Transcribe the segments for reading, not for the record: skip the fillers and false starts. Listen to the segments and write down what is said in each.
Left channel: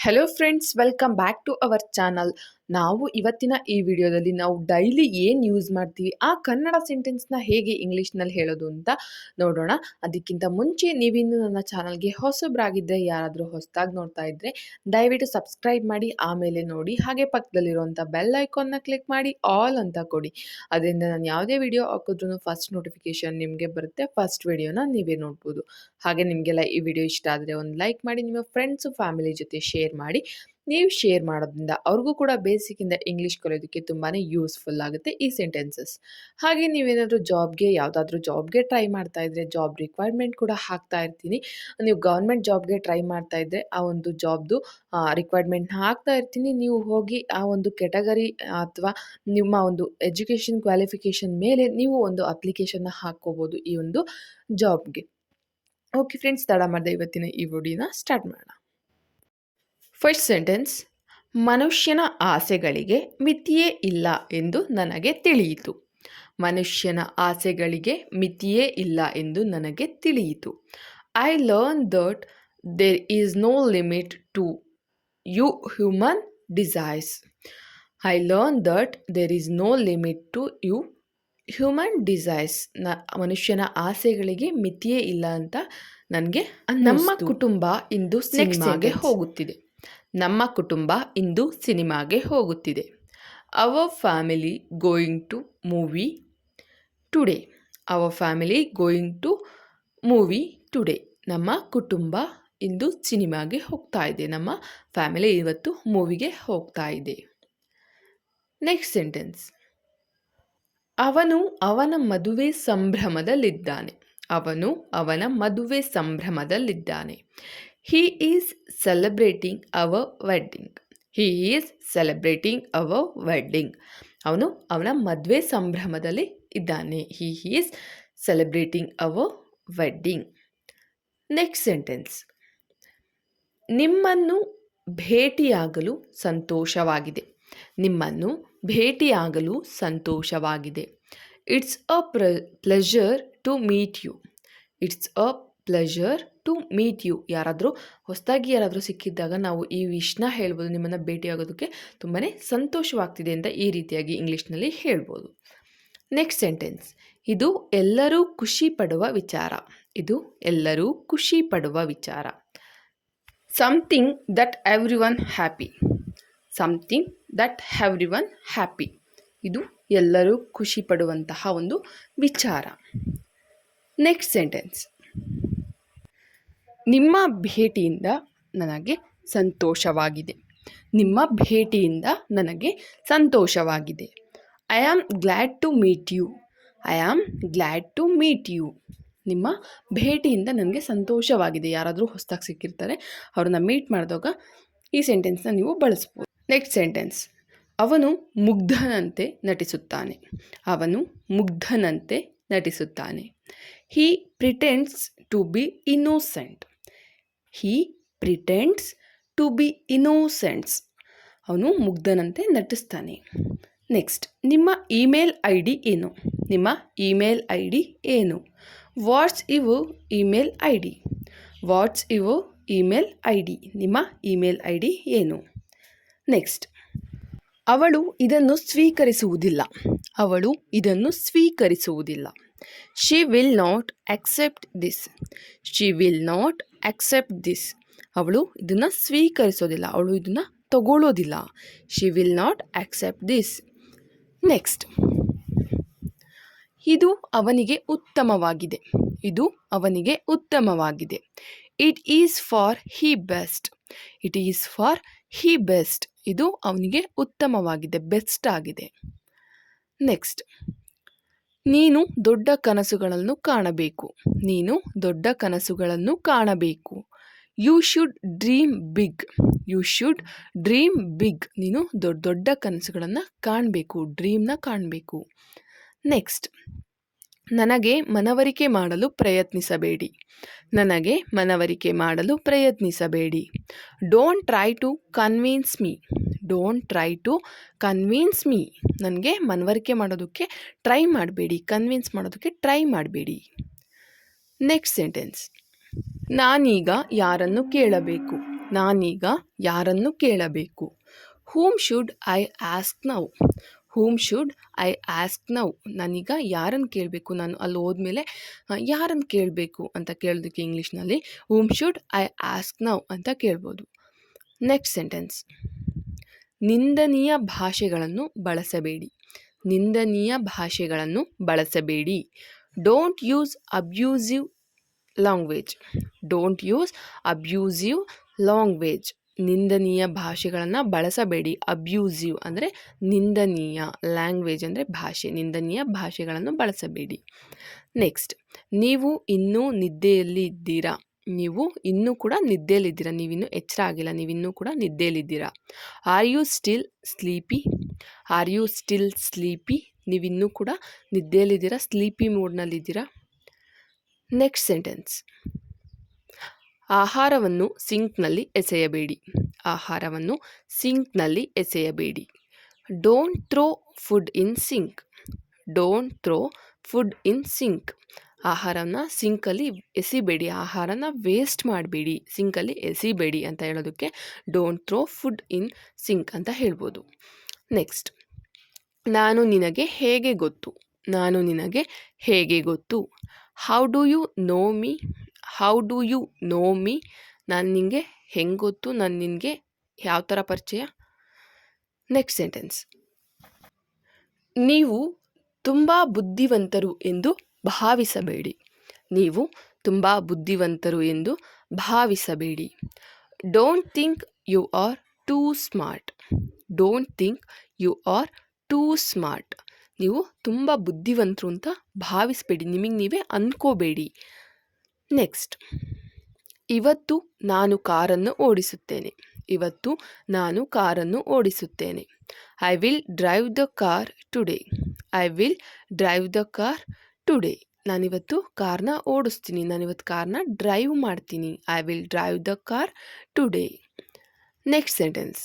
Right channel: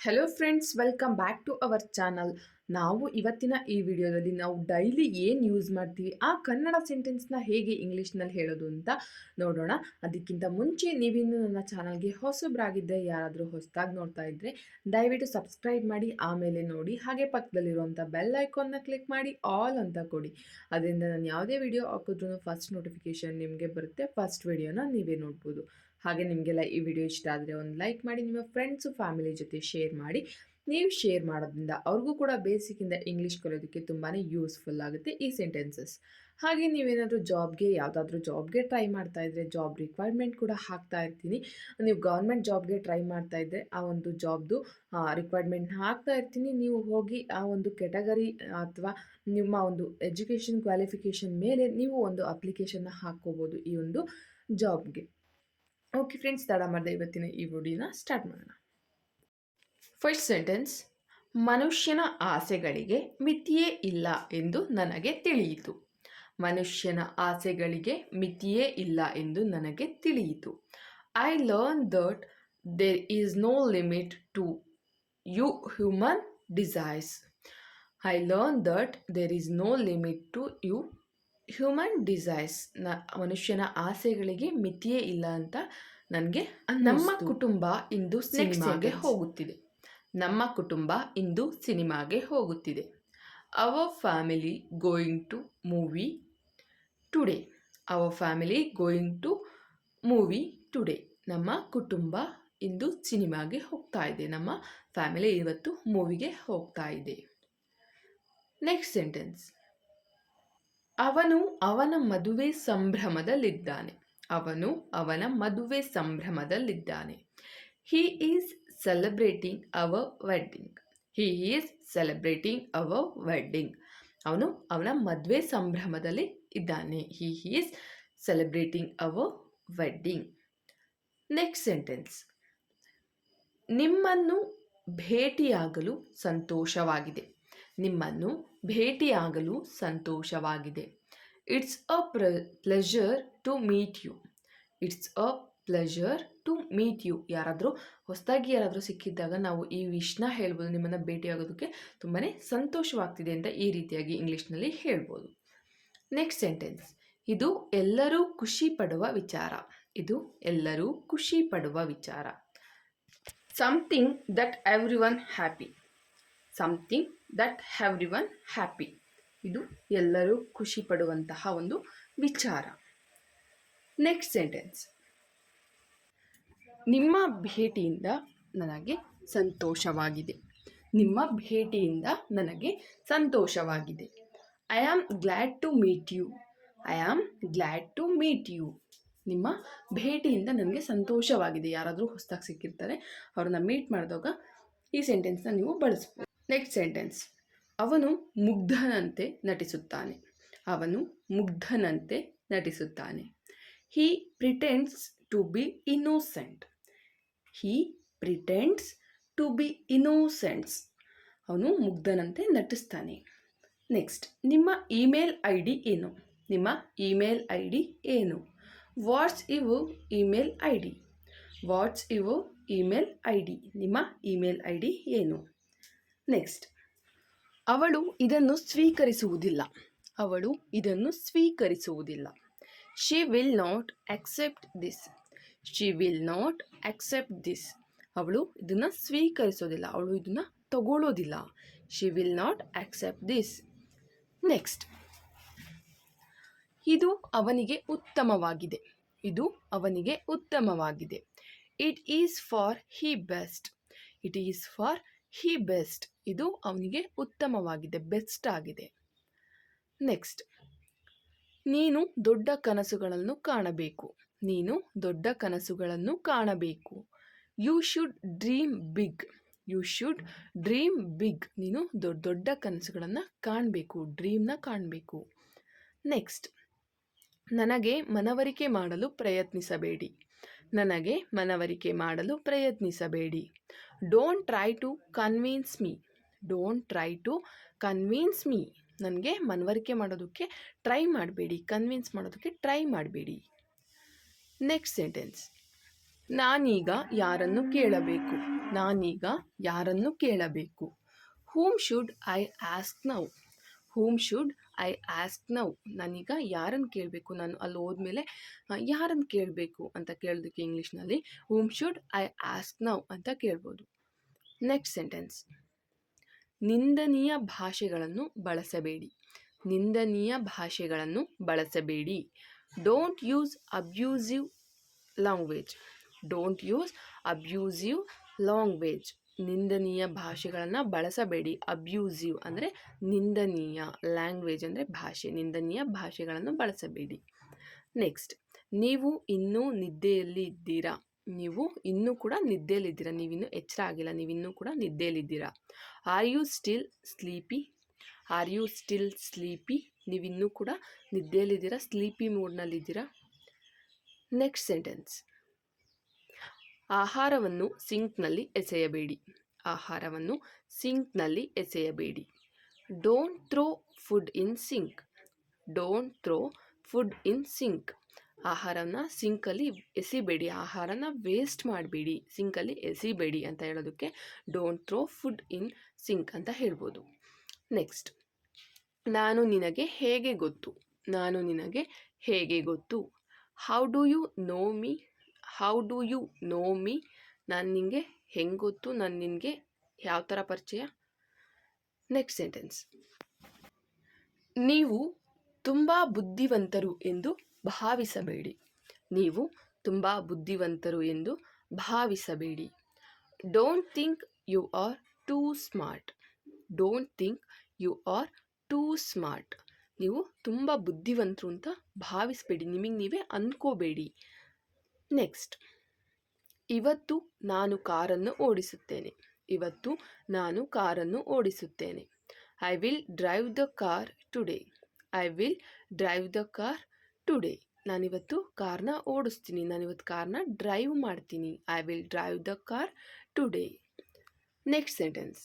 Hello friends, welcome back to our channel. ನಾವು ಇವತ್ತಿನ ಈ ವಿಡಿಯೋದಲ್ಲಿ ನಾವು ಡೈಲಿ ಏನು ಯೂಸ್ ಮಾಡ್ತೀವಿ ಆ ಕನ್ನಡ ಸೆಂಟೆನ್ಸ್ನ ಹೇಗೆ ಇಂಗ್ಲೀಷ್ನಲ್ಲಿ ಹೇಳೋದು ಅಂತ ನೋಡೋಣ. ಅದಕ್ಕಿಂತ ಮುಂಚೆ ನೀವಿನ್ನು ನನ್ನ ಚಾನಲ್ಗೆ ಹೊಸಬ್ರಾಗಿದ್ದರೆ, ಯಾರಾದರೂ ಹೊಸದಾಗಿ ನೋಡ್ತಾ ಇದ್ದರೆ ದಯವಿಟ್ಟು ಸಬ್ಸ್ಕ್ರೈಬ್ ಮಾಡಿ, ಆಮೇಲೆ ನೋಡಿ. ಹಾಗೆ ಪಕ್ಕದಲ್ಲಿರುವಂಥ ಬೆಲ್ ಐಕಾನ್ನ ಕ್ಲಿಕ್ ಮಾಡಿ ಆಲ್ ಅಂತ ಕೊಡಿ. ಅದರಿಂದ ನಾನು ಯಾವುದೇ ವಿಡಿಯೋ ಹಾಕಿದ್ರೂ ಫಸ್ಟ್ ನೋಟಿಫಿಕೇಷನ್ ನಿಮಗೆ ಬರುತ್ತೆ. ಫಸ್ಟ್ ವಿಡಿಯೋನ ನೀವೇ ನೋಡ್ಬೋದು. ಹಾಗೆ ನಿಮಗೆಲ್ಲ ಈ ವಿಡಿಯೋ ಇಷ್ಟ ಆದರೆ ಒಂದು ಲೈಕ್ ಮಾಡಿ, ನಿಮ್ಮ ಫ್ರೆಂಡ್ಸು ಫ್ಯಾಮಿಲಿ ಜೊತೆ ಶೇರ್ ಮಾಡಿ. ನೀವು ಶೇರ್ ಮಾಡೋದ್ರಿಂದ ಅವ್ರಿಗೂ ಕೂಡ ಬೇಸಿಕ್ಕಿಂದ ಇಂಗ್ಲೀಷ್ ಕಲಿಯೋದಕ್ಕೆ ತುಂಬಾ ಯೂಸ್ಫುಲ್ ಆಗುತ್ತೆ ಈ ಸೆಂಟೆನ್ಸಸ್. ಹಾಗೆ ನೀವೇನಾದರೂ ಯಾವುದಾದ್ರೂ ಜಾಬ್ಗೆ ಟ್ರೈ ಮಾಡ್ತಾ ಇದ್ದರೆ, ಜಾಬ್ ರಿಕ್ವೈರ್ಮೆಂಟ್ ಕೂಡ ಹಾಕ್ತಾ ಇರ್ತೀನಿ. ನೀವು ಗೌರ್ಮೆಂಟ್ ಜಾಬ್ಗೆ ಟ್ರೈ ಮಾಡ್ತಾ ಇದ್ದರೆ ಆ ಒಂದು ಜಾಬ್ದು ರಿಕ್ವೈರ್ಮೆಂಟ್ನ ಹಾಕ್ತಾ ಇರ್ತೀನಿ. ನೀವು ಹೋಗಿ ಆ ಒಂದು ಕೆಟಗರಿ ಅಥವಾ ನಿಮ್ಮ ಒಂದು ಎಜುಕೇಷನ್ ಕ್ವಾಲಿಫಿಕೇಷನ್ ಮೇಲೆ ನೀವು ಒಂದು ಅಪ್ಲಿಕೇಶನ್ನ ಹಾಕ್ಕೋಬೋದು ಈ ಒಂದು ಜಾಬ್ಗೆ. ಓಕೆ ಫ್ರೆಂಡ್ಸ್, ತಡ ಮಾಡಿದೆ ಇವತ್ತಿನ ಈ ವಿಡಿಯೋನ ಸ್ಟಾರ್ಟ್ ಮಾಡೋಣ. ಫಸ್ಟ್ ಸೆಂಟೆನ್ಸ್: ಮನುಷ್ಯನ ಆಸೆಗಳಿಗೆ ಮಿತಿಯೇ ಇಲ್ಲ ಎಂದು ನನಗೆ ತಿಳಿಯಿತು. ಮನುಷ್ಯನ ಆಸೆಗಳಿಗೆ ಮಿತಿಯೇ ಇಲ್ಲ ಎಂದು ನನಗೆ ತಿಳಿಯಿತು. I learn that there is no limit to you human desires. I learn that there is no limit to you human desires. ಮನುಷ್ಯನ ಆಸೆಗಳಿಗೆ ಮಿತಿಯೇ ಇಲ್ಲ ಅಂತ ನನಗೆ ನಮ್ಮ ಕುಟುಂಬ ಇಂದು ಸಿನಿಮಾಗೆ ಹೋಗುತ್ತಿದೆ. ನಮ್ಮ ಕುಟುಂಬ ಇಂದು ಸಿನಿಮಾಗೆ ಹೋಗುತ್ತಿದೆ. Our family going to movie today. Our family going to movie today. ನಮ್ಮ ಕುಟುಂಬ ಇಂದು ಸಿನಿಮಾಗೆ ಹೋಗ್ತಾ ಇದೆ. ನಮ್ಮ ಫ್ಯಾಮಿಲಿ ಇವತ್ತು ಮೂವಿಗೆ ಹೋಗ್ತಾ ಇದೆ. ನೆಕ್ಸ್ಟ್ ಸೆಂಟೆನ್ಸ್: ಅವನು ಅವನ ಮದುವೆ ಸಂಭ್ರಮದಲ್ಲಿದ್ದಾನೆ. ಅವನು ಅವನ ಮದುವೆ ಸಂಭ್ರಮದಲ್ಲಿದ್ದಾನೆ. He is celebrating our wedding. He is celebrating our wedding. ಅವನು ಅವನ ಮದುವೆ ಸಂಭ್ರಮದಲ್ಲಿ ಇದ್ದಾನೆ. He is celebrating our wedding. Next sentence: ನಿಮ್ಮನ್ನು ಭೇಟಿಯಾಗಲು ಸಂತೋಷವಾಗಿದೆ. ನಿಮ್ಮನ್ನು ಭೇಟಿಯಾಗಲು ಸಂತೋಷವಾಗಿದೆ. It's a pleasure to meet you. It's a pleasure to meet you. ಯಾರಾದರೂ ಸಿಕ್ಕಿದ್ದಾಗ ನಾವು ಈ ವಿಷ್ನ ಹೇಳ್ಬೋದು. ನಿಮ್ಮನ್ನು ಭೇಟಿಯಾಗೋದಕ್ಕೆ ತುಂಬಾ ಸಂತೋಷವಾಗ್ತಿದೆ ಅಂತ ಈ ರೀತಿಯಾಗಿ ಇಂಗ್ಲೀಷ್ನಲ್ಲಿ ಹೇಳ್ಬೋದು. ನೆಕ್ಸ್ಟ್ ಸೆಂಟೆನ್ಸ್: ಇದು ಎಲ್ಲರೂ ಖುಷಿ ಪಡುವ ವಿಚಾರ. ಇದು ಎಲ್ಲರೂ ಖುಷಿ ಪಡುವ ವಿಚಾರ. Something that everyone happy. Something that everyone happy. ಇದು ಎಲ್ಲರೂ ಖುಷಿ ಪಡುವಂತಹ ಒಂದು ವಿಚಾರ. ನೆಕ್ಸ್ಟ್ ಸೆಂಟೆನ್ಸ್: ನಿಮ್ಮ ಭೇಟಿಯಿಂದ ನನಗೆ ಸಂತೋಷವಾಗಿದೆ. ನಿಮ್ಮ ಭೇಟಿಯಿಂದ ನನಗೆ ಸಂತೋಷವಾಗಿದೆ. I am glad to meet you. I am glad to meet you. ನಿಮ್ಮ ಭೇಟಿಯಿಂದ ನನಗೆ ಸಂತೋಷವಾಗಿದೆ. ಯಾರಾದರೂ ಹೊಸದಾಗಿ ಸಿಕ್ಕಿರ್ತಾರೆ, ಅವ್ರನ್ನ ಮೀಟ್ ಮಾಡಿದಾಗ ಈ ಸೆಂಟೆನ್ಸ್ನ ನೀವು ಬಳಸ್ಬೋದು. ನೆಕ್ಸ್ಟ್ ಸೆಂಟೆನ್ಸ್: ಅವನು ಮುಗ್ಧನಂತೆ ನಟಿಸುತ್ತಾನೆ. ಅವನು ಮುಗ್ಧನಂತೆ ನಟಿಸುತ್ತಾನೆ. He pretends to be innocent. He pretends to be innocents. ಅವನು ಮುಗ್ಧನಂತೆ ನಟಿಸ್ತಾನೆ. ನೆಕ್ಸ್ಟ್: ನಿಮ್ಮ ಇಮೇಲ್ ಐ ಡಿ ಏನು? ನಿಮ್ಮ ಇಮೇಲ್ ಐ ಡಿ ಏನು? What's your email I D? What's your email I D? ನಿಮ್ಮ ಇಮೇಲ್ ಐ ಡಿ ಏನು? ನೆಕ್ಸ್ಟ್: ಅವಳು ಇದನ್ನು ಸ್ವೀಕರಿಸುವುದಿಲ್ಲ. ಅವಳು ಇದನ್ನು ಸ್ವೀಕರಿಸುವುದಿಲ್ಲ. She will not accept this. She will not accept this. ಅವಳು ಇದನ್ನು ಸ್ವೀಕರಿಸೋದಿಲ್ಲ. ಅವಳು ಇದನ್ನು ತಗೊಳ್ಳೋದಿಲ್ಲ. She will not accept this. Next: ಇದು ಅವನಿಗೆ ಉತ್ತಮವಾಗಿದೆ. ಇದು ಅವನಿಗೆ ಉತ್ತಮವಾಗಿದೆ. It is for he best. It is for he best. ಇದು ಅವನಿಗೆ ಉತ್ತಮವಾಗಿದೆ, ಬೆಸ್ಟ್ ಆಗಿದೆ. ನೆಕ್ಸ್ಟ್: ನೀನು ದೊಡ್ಡ ಕನಸುಗಳನ್ನು ಕಾಣಬೇಕು. ನೀನು ದೊಡ್ಡ ಕನಸುಗಳನ್ನು ಕಾಣಬೇಕು. You should dream big. You should dream big. ನೀನು ದೊಡ್ಡ ಕನಸುಗಳನ್ನು ಕಾಣಬೇಕು, ಡ್ರೀಮ್ನ ಕಾಣಬೇಕು. ನೆಕ್ಸ್ಟ್: ನನಗೆ ಮನವರಿಕೆ ಮಾಡಲು ಪ್ರಯತ್ನಿಸಬೇಡಿ. ನನಗೆ ಮನವರಿಕೆ ಮಾಡಲು ಪ್ರಯತ್ನಿಸಬೇಡಿ. Don't try to convince me. Don't try to convince me. ನನಗೆ ಮನವರಿಕೆ ಮಾಡೋದಕ್ಕೆ ಟ್ರೈ ಮಾಡಬೇಡಿ, ಕನ್ವಿನ್ಸ್ ಮಾಡೋದಕ್ಕೆ ಟ್ರೈ ಮಾಡಬೇಡಿ. ನೆಕ್ಸ್ಟ್ ಸೆಂಟೆನ್ಸ್: ನಾನೀಗ ಯಾರನ್ನು ಕೇಳಬೇಕು. ನಾನೀಗ ಯಾರನ್ನು ಕೇಳಬೇಕು? Whom should I ask now? Whom should I ask now? ನಾನೀಗ ಯಾರನ್ನು ಕೇಳಬೇಕು? ನಾನು ಅಲ್ಲಿ ಹೋದ್ಮೇಲೆ ಯಾರನ್ನು ಕೇಳಬೇಕು ಅಂತ ಕೇಳೋದಕ್ಕೆ ಇಂಗ್ಲೀಷ್ನಲ್ಲಿ ಹೂಮ್ ಶುಡ್ ಐ ಆಸ್ಕ್ ನೌ ಅಂತ ಕೇಳ್ಬೋದು. ನೆಕ್ಸ್ಟ್ ಸೆಂಟೆನ್ಸ್, ನಿಂದನೀಯ ಭಾಷೆಗಳನ್ನು ಬಳಸಬೇಡಿ. ನಿಂದನೀಯ ಭಾಷೆಗಳನ್ನು ಬಳಸಬೇಡಿ. Don't use abusive language. Don't use abusive language. ನಿಂದನೀಯ ಭಾಷೆಗಳನ್ನು ಬಳಸಬೇಡಿ. ಅಬ್ಯೂಸಿವ್ ಅಂದರೆ ನಿಂದನೀಯ, ಲ್ಯಾಂಗ್ವೇಜ್ ಅಂದರೆ ಭಾಷೆ, ನಿಂದನೀಯ ಭಾಷೆಗಳನ್ನು ಬಳಸಬೇಡಿ. ನೆಕ್ಸ್ಟ್, ನೀವು ಇನ್ನೂ ನಿದ್ದೆಯಲ್ಲಿ ಇದ್ದೀರಾ. ನೀವು ಇನ್ನೂ ಕೂಡ ನಿದ್ದೆಯಲ್ಲಿದ್ದೀರಾ, ನೀವಿನ್ನೂ ಎಚ್ಚರ ಆಗಿಲ್ಲ, ನೀವಿನ್ನೂ ಕೂಡ ನಿದ್ದೆಯಲ್ಲಿದ್ದೀರಾ. Are you still sleepy? Are you still sleepy? ನೀವಿನ್ನೂ ಕೂಡ ನಿದ್ದೆಯಲ್ಲಿದ್ದೀರಾ, ಸ್ಲೀಪಿ ಮೂಡ್ನಲ್ಲಿದ್ದೀರಾ. ನೆಕ್ಸ್ಟ್ ಸೆಂಟೆನ್ಸ್, ಆಹಾರವನ್ನು ಸಿಂಕ್ನಲ್ಲಿ ಎಸೆಯಬೇಡಿ. ಆಹಾರವನ್ನು ಸಿಂಕ್ನಲ್ಲಿ ಎಸೆಯಬೇಡಿ. Don't throw food in sink. Don't throw food in sink. ಆಹಾರನ ಸಿಂಕಲ್ಲಿ ಎಸಿಬೇಡಿ, ಆಹಾರನ ವೇಸ್ಟ್ ಮಾಡಬೇಡಿ, ಸಿಂಕಲ್ಲಿ ಎಸಿಬೇಡಿ ಅಂತ ಹೇಳೋದಕ್ಕೆ don't throw food in sink ಅಂತ ಹೇಳ್ಬೋದು. ನೆಕ್ಸ್ಟ್, ನಾನು ನಿನಗೆ ಹೇಗೆ ಗೊತ್ತು? ನಾನು ನಿನಗೆ ಹೇಗೆ ಗೊತ್ತು? How do you know me? How do you know me? ನಾನು ನಿನಗೆ ಹೆಂಗೆ ಗೊತ್ತು? ನಾನು ನಿನಗೆ ಯಾವ ಥರ ಪರಿಚಯ? ನೆಕ್ಸ್ಟ್ ಸೆಂಟೆನ್ಸ್, ನೀವು ತುಂಬ ಬುದ್ಧಿವಂತರು ಎಂದು ಭಾವಿಸಬೇಡಿ. ನೀವು ತುಂಬ ಬುದ್ಧಿವಂತರು ಎಂದು ಭಾವಿಸಬೇಡಿ. Don't think you are too smart. Don't think you are too smart. ನೀವು ತುಂಬ ಬುದ್ಧಿವಂತರು ಅಂತ ಭಾವಿಸಬೇಡಿ, ನಿಮಗೆ ನೀವೇ ಅಂದ್ಕೋಬೇಡಿ. ನೆಕ್ಸ್ಟ್, ಇವತ್ತು ನಾನು ಕಾರನ್ನು ಓಡಿಸುತ್ತೇನೆ. ಇವತ್ತು ನಾನು ಕಾರನ್ನು ಓಡಿಸುತ್ತೇನೆ. I will drive the car today. I will drive the car today. ನಾನಿವತ್ತು ಕಾರ್ನ ಓಡಿಸ್ತೀನಿ, ನಾನಿವತ್ತು ಕಾರ್ನ ಡ್ರೈವ್ ಮಾಡ್ತೀನಿ. I will drive the car today. Next sentence,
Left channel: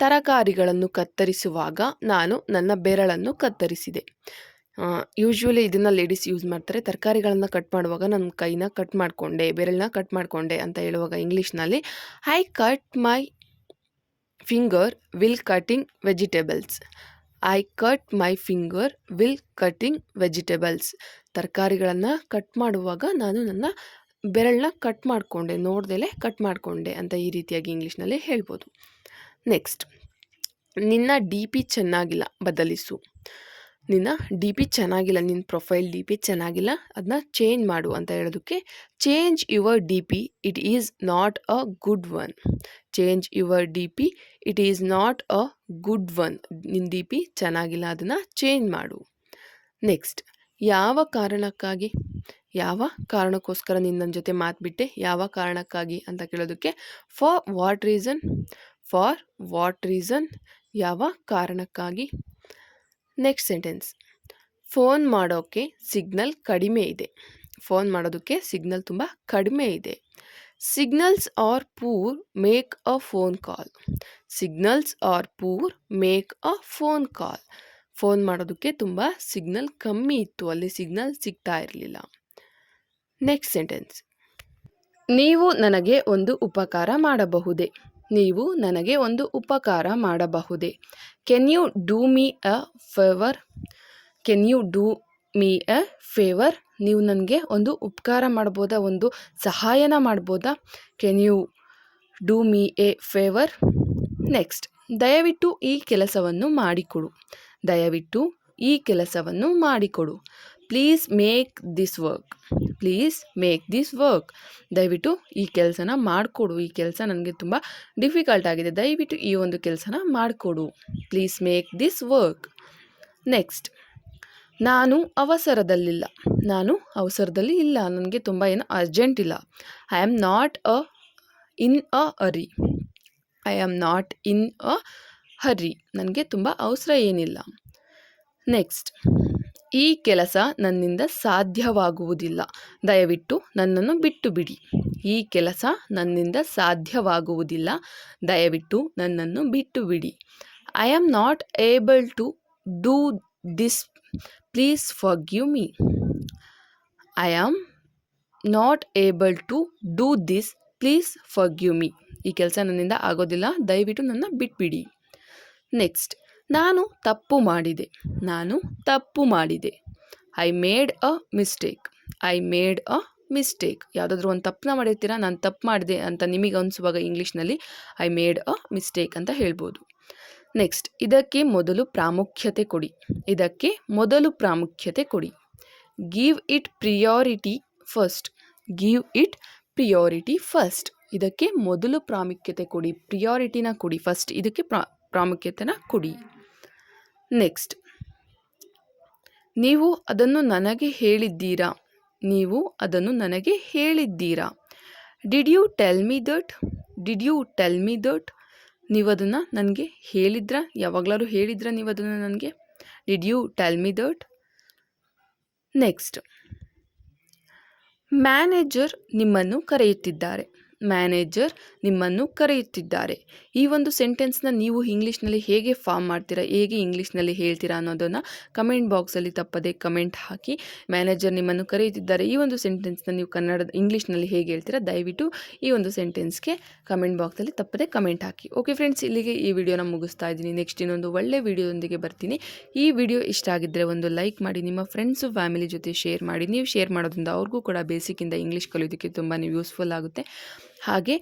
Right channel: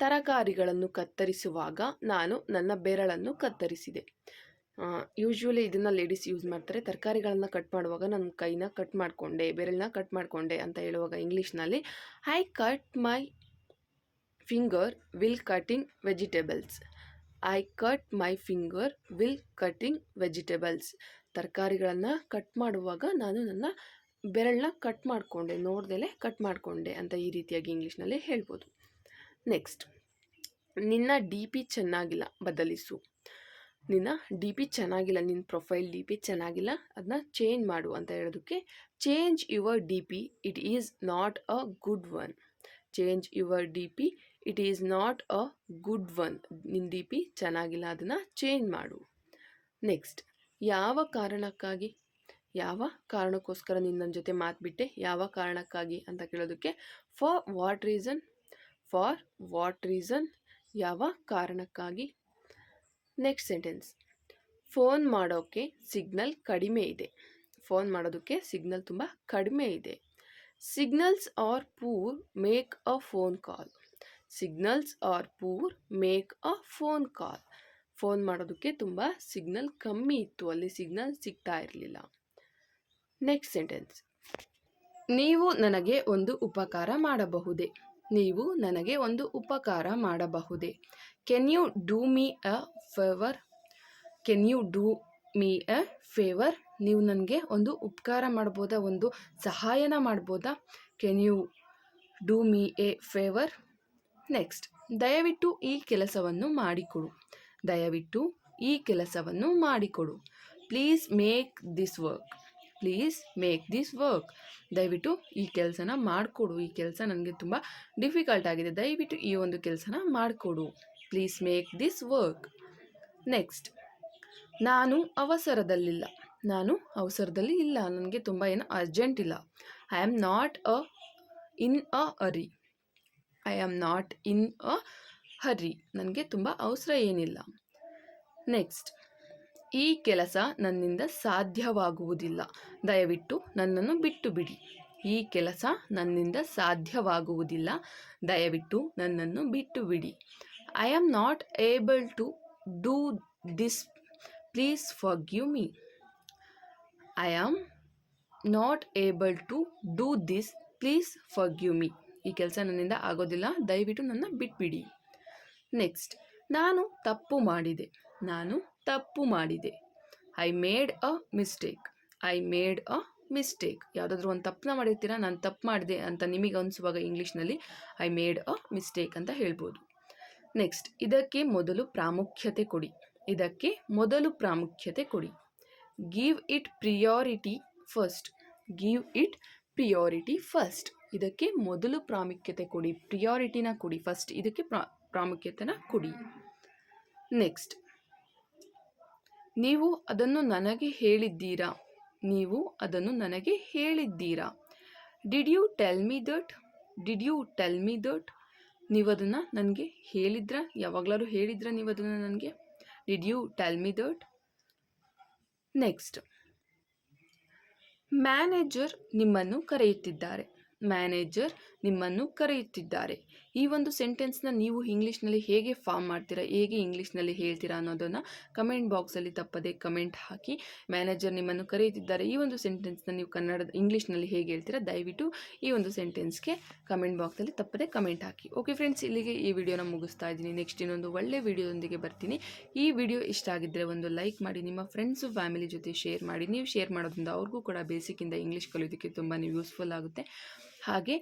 ತರಕಾರಿಗಳನ್ನು ಕತ್ತರಿಸುವಾಗ ನಾನು ನನ್ನ ಬೆರಳನ್ನು ಕತ್ತರಿಸಿದೆ. ಯೂಶ್ವಲಿ ಇದನ್ನು ಲೇಡೀಸ್ ಯೂಸ್ ಮಾಡ್ತಾರೆ. ತರಕಾರಿಗಳನ್ನು ಕಟ್ ಮಾಡುವಾಗ ನನ್ನ ಕೈನ ಕಟ್ ಮಾಡಿಕೊಂಡೆ, ಬೆರಳನ್ನ ಕಟ್ ಮಾಡಿಕೊಂಡೆ ಅಂತ ಹೇಳುವಾಗ ಇಂಗ್ಲೀಷ್ನಲ್ಲಿ I cut my finger will cutting vegetables. I cut my finger will cutting vegetables. ತರಕಾರಿಗಳನ್ನು ಕಟ್ ಮಾಡುವಾಗ ನಾನು ನನ್ನ ಬೆರಳನ್ನ ಕಟ್ ಮಾಡಿಕೊಂಡೆ, ನೋಡ್ದಲೇ ಕಟ್ ಮಾಡಿಕೊಂಡೆ ಅಂತ ಈ ರೀತಿಯಾಗಿ ಇಂಗ್ಲೀಷ್ನಲ್ಲಿ ಹೇಳ್ಬೋದು. ನೆಕ್ಸ್ಟ್, ನಿನ್ನ ಡಿ ಪಿ ಚೆನ್ನಾಗಿಲ್ಲ, ಬದಲಿಸು. ನಿನ್ನ ಡಿ ಪಿ ಚೆನ್ನಾಗಿಲ್ಲ, ನಿನ್ನ ಪ್ರೊಫೈಲ್ ಡಿ ಪಿ ಚೆನ್ನಾಗಿಲ್ಲ, ಅದನ್ನ ಚೇಂಜ್ ಮಾಡು ಅಂತ ಹೇಳೋದಕ್ಕೆ change your D P, it is not a good one. Change your D P, it is not a good one. ನಿನ್ನ ಡಿ ಪಿ ಚೆನ್ನಾಗಿಲ್ಲ, ಅದನ್ನು ಚೇಂಜ್ ಮಾಡು. ನೆಕ್ಸ್ಟ್, ಯಾವ ಕಾರಣಕ್ಕಾಗಿ, ಯಾವ ಕಾರಣಕ್ಕೋಸ್ಕರ ನೀನು ನನ್ನ ಜೊತೆ ಮಾತುಬಿಟ್ಟೆ, ಯಾವ ಕಾರಣಕ್ಕಾಗಿ ಅಂತ ಕೇಳೋದಕ್ಕೆ for what reason. For what reason, ಯಾವ ಕಾರಣಕ್ಕಾಗಿ. ನೆಕ್ಸ್ಟ್ ಸೆಂಟೆನ್ಸ್, ಫೋನ್ ಮಾಡೋಕ್ಕೆ ಸಿಗ್ನಲ್ ಕಡಿಮೆ ಇದೆ. ಫೋನ್ ಮಾಡೋದಕ್ಕೆ ಸಿಗ್ನಲ್ ತುಂಬ ಕಡಿಮೆ ಇದೆ. Signals are poor, make a phone call. Signals are poor, make a phone call. Phone ಮಾಡೋದಕ್ಕೆ ತುಂಬ ಸಿಗ್ನಲ್ ಕಮ್ಮಿ ಇತ್ತು, ಅಲ್ಲಿ ಸಿಗ್ನಲ್ ಸಿಗ್ತಾ ಇರಲಿಲ್ಲ. ನೆಕ್ಸ್ಟ್ ಸೆಂಟೆನ್ಸ್, ನೀವು ನನಗೆ ಒಂದು ಉಪಕಾರ ಮಾಡಬಹುದೇ. ನೀವು ನನಗೆ ಒಂದು ಉಪಕಾರ ಮಾಡಬಹುದೇ. Can you do me a favour. Can you do me a favour. ನೀವು ನನಗೆ ಒಂದು ಉಪಕಾರ ಮಾಡ್ಬೋದಾ, ಒಂದು ಸಹಾಯನ ಮಾಡ್ಬೋದಾ. Can you do me a favour. Next, ದಯವಿಟ್ಟು ಈ ಕೆಲಸವನ್ನು ಮಾಡಿಕೊಡು. ದಯವಿಟ್ಟು ಈ ಕೆಲಸವನ್ನು ಮಾಡಿಕೊಡು. Please make this work. Please make this work. ದಯವಿಟ್ಟು ಈ ಕೆಲಸನ ಮಾಡಿಕೊಡು, ಈ ಕೆಲಸ ನನಗೆ ತುಂಬ ಡಿಫಿಕಲ್ಟ್ ಆಗಿದೆ, ದಯವಿಟ್ಟು ಈ ಒಂದು ಕೆಲಸನ ಮಾಡಿಕೊಡು. Please make this work. Next, ನಾನು ಅವಸರದಲ್ಲಿಲ್ಲ. ನಾನು ಅವಸರದಲ್ಲಿ ಇಲ್ಲ, ನನಗೆ ತುಂಬ ಏನು ಅರ್ಜೆಂಟ್ ಇಲ್ಲ. I am not in a hurry. I am not in a hurry. ನನಗೆ ತುಂಬ ಅವಸರ ಏನಿಲ್ಲ. ನೆಕ್ಸ್ಟ್, ಈ ಕೆಲಸ ನನ್ನಿಂದ ಸಾಧ್ಯವಾಗುವುದಿಲ್ಲ, ದಯವಿಟ್ಟು ನನ್ನನ್ನು ಬಿಟ್ಟು ಬಿಡಿ. ಈ ಕೆಲಸ ನನ್ನಿಂದ ಸಾಧ್ಯವಾಗುವುದಿಲ್ಲ, ದಯವಿಟ್ಟು ನನ್ನನ್ನು ಬಿಟ್ಟು ಬಿಡಿ. I am not able to do this, please forgive me. I am not able to do this, please forgive me. ಈ ಕೆಲಸ ನನ್ನಿಂದ ಆಗೋದಿಲ್ಲ, ದಯವಿಟ್ಟು ನನ್ನ ಬಿಟ್ಬಿಡಿ. ನೆಕ್ಸ್ಟ್, ನಾನು ತಪ್ಪು ಮಾಡಿದೆ. ನಾನು ತಪ್ಪು ಮಾಡಿದೆ. I made a mistake. I made a mistake. ಯಾವುದಾದ್ರೂ ಒಂದು ತಪ್ಪನ್ನ ಮಾಡಿರ್ತೀರಾ, ನಾನು ತಪ್ಪು ಮಾಡಿದೆ ಅಂತ ನಿಮಗೆ ಅನಿಸುವಾಗ ಇಂಗ್ಲೀಷ್ನಲ್ಲಿ ಐ ಮೇಡ್ ಅ ಮಿಸ್ಟೇಕ್ ಅಂತ ಹೇಳ್ಬೋದು. ನೆಕ್ಸ್ಟ್, ಇದಕ್ಕೆ ಮೊದಲು ಪ್ರಾಮುಖ್ಯತೆ ಕೊಡಿ. ಇದಕ್ಕೆ ಮೊದಲು ಪ್ರಾಮುಖ್ಯತೆ ಕೊಡಿ. Give it priority first. Give it priority first. ಇದಕ್ಕೆ ಮೊದಲು ಪ್ರಾಮುಖ್ಯತೆ ಕೊಡಿ. ಪ್ರಿಯಾರಿಟಿನ ಕೊಡಿ, ಫಸ್ಟ್ ಇದಕ್ಕೆ ಪ್ರಾಮುಖ್ಯತೆನ ಕೊಡಿ. ನೆಕ್ಸ್ಟ್, ನೀವು ಅದನ್ನು ನನಗೆ ಹೇಳಿದ್ದೀರಾ. ನೀವು ಅದನ್ನು ನನಗೆ ಹೇಳಿದ್ದೀರಾ. Did you tell me that. Did you tell me that. ನೀವು ಅದನ್ನು ನನಗೆ ಹೇಳಿದ್ರಾ, ಯಾವಾಗಲಾದ್ರು ಹೇಳಿದ್ರಾ ನೀವು ಅದನ್ನು ನನಗೆ. Did you tell me that. Next, manager ನಿಮ್ಮನ್ನು ಕರೆಯುತ್ತಿದ್ದಾರೆ. ಮ್ಯಾನೇಜರ್ ನಿಮ್ಮನ್ನು ಕರೆಯುತ್ತಿದ್ದಾರೆ. ಈ ಒಂದು ಸೆಂಟೆನ್ಸ್ನ ನೀವು ಇಂಗ್ಲೀಷ್ನಲ್ಲಿ ಹೇಗೆ ಫಾರ್ಮ್ ಮಾಡ್ತೀರಾ, ಹೇಗೆ ಇಂಗ್ಲೀಷ್ನಲ್ಲಿ ಹೇಳ್ತೀರಾ ಅನ್ನೋದನ್ನು ಕಮೆಂಟ್ ಬಾಕ್ಸಲ್ಲಿ ತಪ್ಪದೆ ಕಮೆಂಟ್ ಹಾಕಿ. ಮ್ಯಾನೇಜರ್ ನಿಮ್ಮನ್ನು ಕರೆಯುತ್ತಿದ್ದಾರೆ, ಈ ಒಂದು ಸೆಂಟೆನ್ಸ್ನ ನೀವು ಇಂಗ್ಲೀಷ್ನಲ್ಲಿ ಹೇಗೆ ಹೇಳ್ತೀರಾ, ದಯವಿಟ್ಟು ಈ ಒಂದು ಸೆಂಟೆನ್ಸ್ಗೆ ಕಮೆಂಟ್ ಬಾಕ್ಸಲ್ಲಿ ತಪ್ಪದೆ ಕಮೆಂಟ್ ಹಾಕಿ. ಓಕೆ ಫ್ರೆಂಡ್ಸ್, ಇಲ್ಲಿಗೆ ಈ ವಿಡಿಯೋನ ಮುಗಿಸ್ತಾ ಇದ್ದೀನಿ. ನೆಕ್ಸ್ಟ್ ಇನ್ನೊಂದು ಒಳ್ಳೆ ವಿಡಿಯೋದೊಂದಿಗೆ ಬರ್ತೀನಿ. ಈ ವಿಡಿಯೋ ಇಷ್ಟ ಆಗಿದ್ದರೆ ಒಂದು ಲೈಕ್ ಮಾಡಿ, ನಿಮ್ಮ ಫ್ರೆಂಡ್ಸು ಫ್ಯಾಮಿಲಿ ಜೊತೆ ಶೇರ್ ಮಾಡಿ. ನೀವು ಶೇರ್ ಮಾಡೋದ್ರಿಂದ ಅವ್ರಿಗೂ ಕೂಡ ಬೇಸಿಕ್ಕಿಂದ ಇಂಗ್ಲೀಷ್ ಕಲಿಯೋದಕ್ಕೆ ತುಂಬಾ ಯೂಸ್ಫುಲ್ ಆಗುತ್ತೆ. ಹಾಗೆ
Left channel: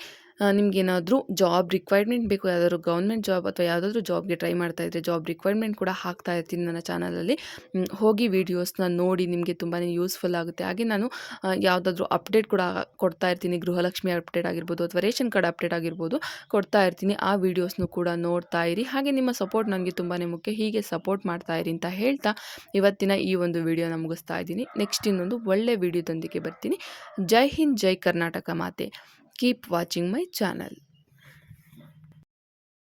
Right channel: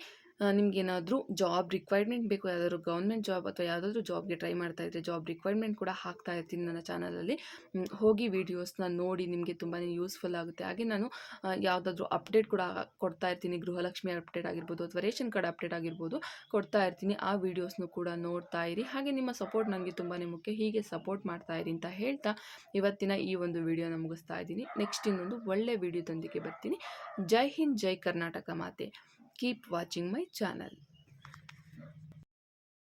ನಿಮಗೇನಾದರೂ ಜಾಬ್ ರಿಕ್ವೈರ್ಮೆಂಟ್ ಬೇಕು, ಯಾವುದಾದ್ರು ಗೌರ್ಮೆಂಟ್ ಜಾಬ್ ಅಥವಾ ಯಾವುದಾದ್ರೂ ಜಾಬ್ಗೆ ಟ್ರೈ ಮಾಡ್ತಾ ಇದ್ದರೆ ಜಾಬ್ ರಿಕ್ವೈರ್ಮೆಂಟ್ ಕೂಡ ಹಾಕ್ತಾ ಇರ್ತೀನಿ ನನ್ನ ಚಾನಲಲ್ಲಿ. ಹೋಗಿ ವೀಡಿಯೋಸ್ನ ನೋಡಿ, ನಿಮಗೆ ತುಂಬಾ ಯೂಸ್ಫುಲ್ ಆಗುತ್ತೆ. ಹಾಗೆ ನಾನು ಯಾವುದಾದ್ರೂ ಅಪ್ಡೇಟ್ ಕೂಡ ಕೊಡ್ತಾ ಇರ್ತೀನಿ. ಗೃಹಲಕ್ಷ್ಮಿ ಅಪ್ಡೇಟ್ ಆಗಿರ್ಬೋದು ಅಥವಾ ರೇಷನ್ ಕಾರ್ಡ್ ಅಪ್ಡೇಟ್ ಆಗಿರ್ಬೋದು ಕೊಡ್ತಾ ಇರ್ತೀನಿ. ಆ ವೀಡಿಯೋಸ್ನು ಕೂಡ ನೋಡ್ತಾ ಇರಿ. ಹಾಗೆ ನಿಮ್ಮ ಸಪೋರ್ಟ್ ನನಗೆ ತುಂಬಾ ಮುಖ್ಯ. ಹೀಗೆ ಸಪೋರ್ಟ್ ಮಾಡ್ತಾ ಇರಿ ಅಂತ ಹೇಳ್ತಾ ಇವತ್ತಿನ ಈ ಒಂದು ವಿಡಿಯೋನ ಮುಗಿಸ್ತಾ ಇದ್ದೀನಿ. ನೆಕ್ಸ್ಟ್ ಇನ್ನೊಂದು ಒಳ್ಳೆ ವಿಡಿಯೋದೊಂದಿಗೆ ಬರ್ತೀನಿ. ಜೈ ಹಿಂದ್, ಜೈ ಕರ್ನಾಟಕ ಮಾತೆ. Keep watching my channel.